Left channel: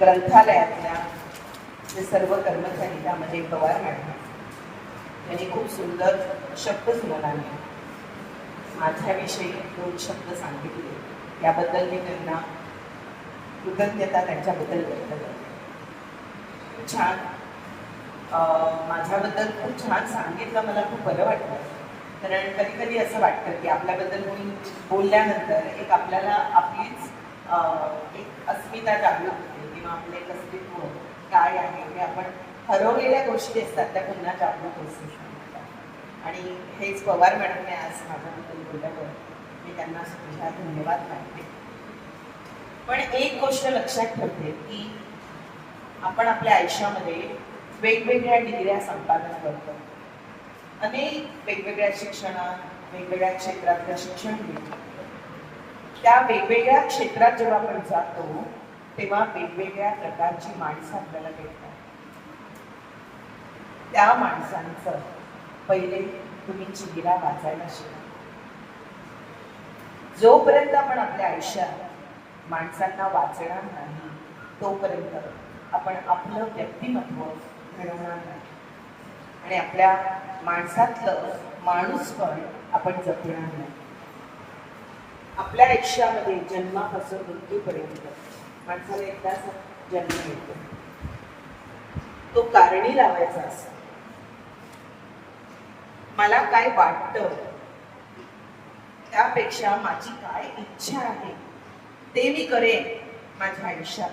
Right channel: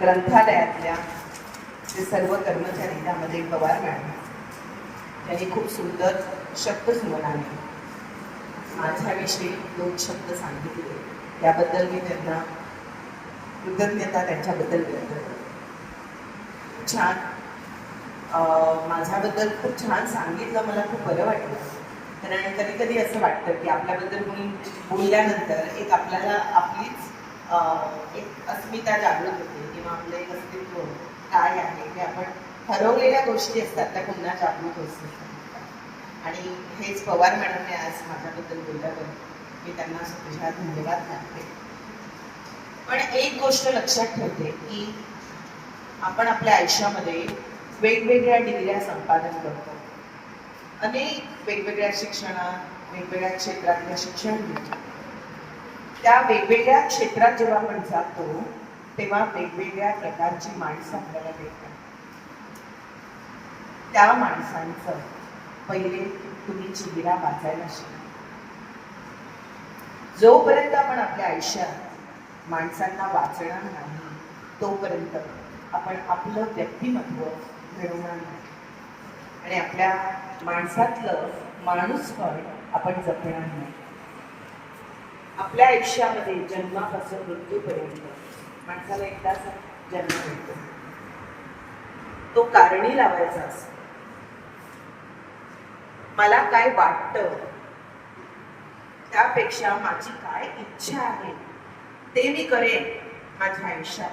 ग्रंथालयातल्या जे सर्व कर्मचारी त्यामध्ये पवार मॅडम त्यांनी खूप सुंदर शब्दसुमनाने माझ्याविषयी 2 शब्द सांगितले. याबद्दल मी त्यांना कृतज्ञता त्यांच्याबद्दल व्यक्त करते. छान माझ्याबद्दल खूप छान सांगितलं. मला खूप बरं वाटलं. कारण कधी कधी असं वाटतं की आपल्याबद्दल कोणी बोलल्यानंतर एक आपल्याला आपलीच एक अस्मिता जागृत होते किंवा आपलं एक अस्तित्व काय आहे हे आपण हरवलेल्या गोष्टी असतात त्या पुन्हा जागृत होत असतात. आणि हेच पवार मॅडमने आज माझ्याबद्दल बोलल्याबद्दल मी त्यांना तुझ्या धन्यवाद मानते. पण एक गोष्ट लक्षात ठेवते की आपण आपल्या आयुष्यामध्ये वेगवेगळ्या डिग्र्या संपादन करतो. अनेक वेगवेगळ्या शिक्षणात वेगवेगळ्या क्षेत्रातलं शिक्षण घेतो. त्या वेगवेगळ्या क्षेत्रात जेव्हा आपण जातो तेव्हा वेगवेगळ्या प्रकारची माणसं आपल्याला भेटतात. त्या माणसांचं पहिले तुम्ही चेहरा वाचायला शिका. जोपर्यंत आपण आपल्या आयुष्यात माणसांना वाचणार नाही तोपर्यंत आपण आपलं व्यक्तिमत्व घडवणार नाही आणि आपल्या माणसातलं माणूसपण आपण जपणार नाही. आपल्या आयुष्यामध्ये जन्मापासून मृत्यूपर्यंत माणसाला एकदाच जन्म मिळतो. तो कारणी लावायचा असतो. मला काय वाटतं त्यापेक्षा माझी काय इच्छा आहे ते मी करेन माझ्या आयुष्यात,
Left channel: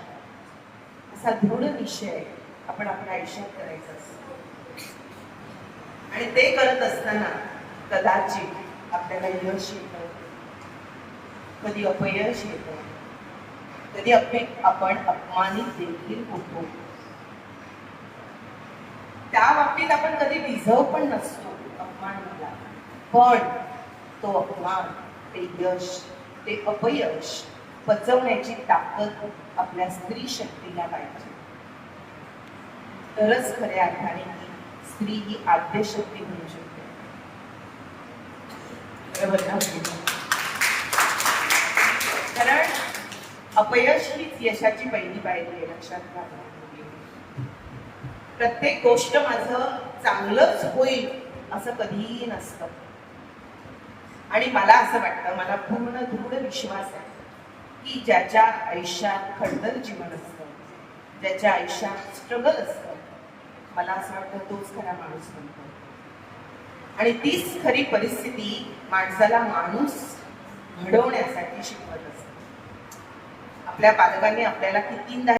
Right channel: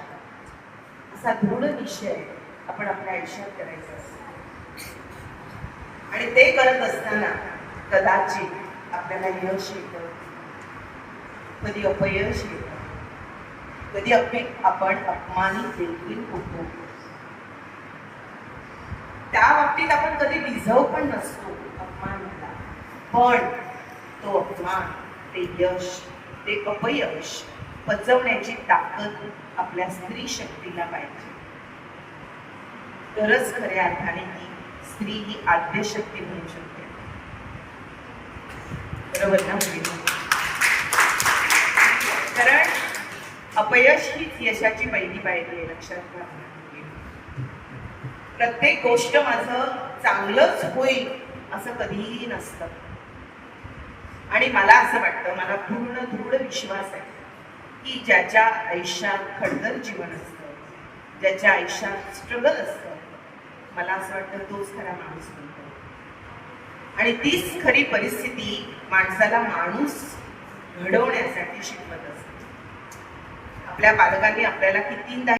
असा दृढ निश्चय आपण आपल्या आयुष्यात करायचा असतो. आणि ते करत असताना कदाचित आपल्याला यश येतं, कधी अपयश येतं, कधी आपण अपमानित देखील होतो. त्या बाबतीत आपण कधी डिझर्व पण नसतो अपमान मला, पण तो अपमान, ते यश, ते अपयश पचवण्याची ताकद आपल्या स्त्री शक्तीला पाहिजे. तरच खऱ्या अर्थाने ही स्त्री ही आद्यशक्ती म्हणू शकते. बरोबर ना? कारण अपयश हीच यशाची पहिली पायरी आहे. लक्षात घ्या. प्रत्येक गोष्ट माझं चांगलंच होईल असं कधीही नसतं. आणि मला असं वाटतं, मला पूर्ण दृढ विश्वास आहे की ज्याच्या आयुष्यात खडतर जीवन असतं, ज्याच्या आयुष्यात स्ट्रगल असतं, मला असं वाटतं तोच खरा माणूस बनतो. आणि तीच खरी परिस्थिती माणसाला माणूस घडवण्यासाठी शिकवत असते. आपल्या पालकांनी आपल्याला कितींदा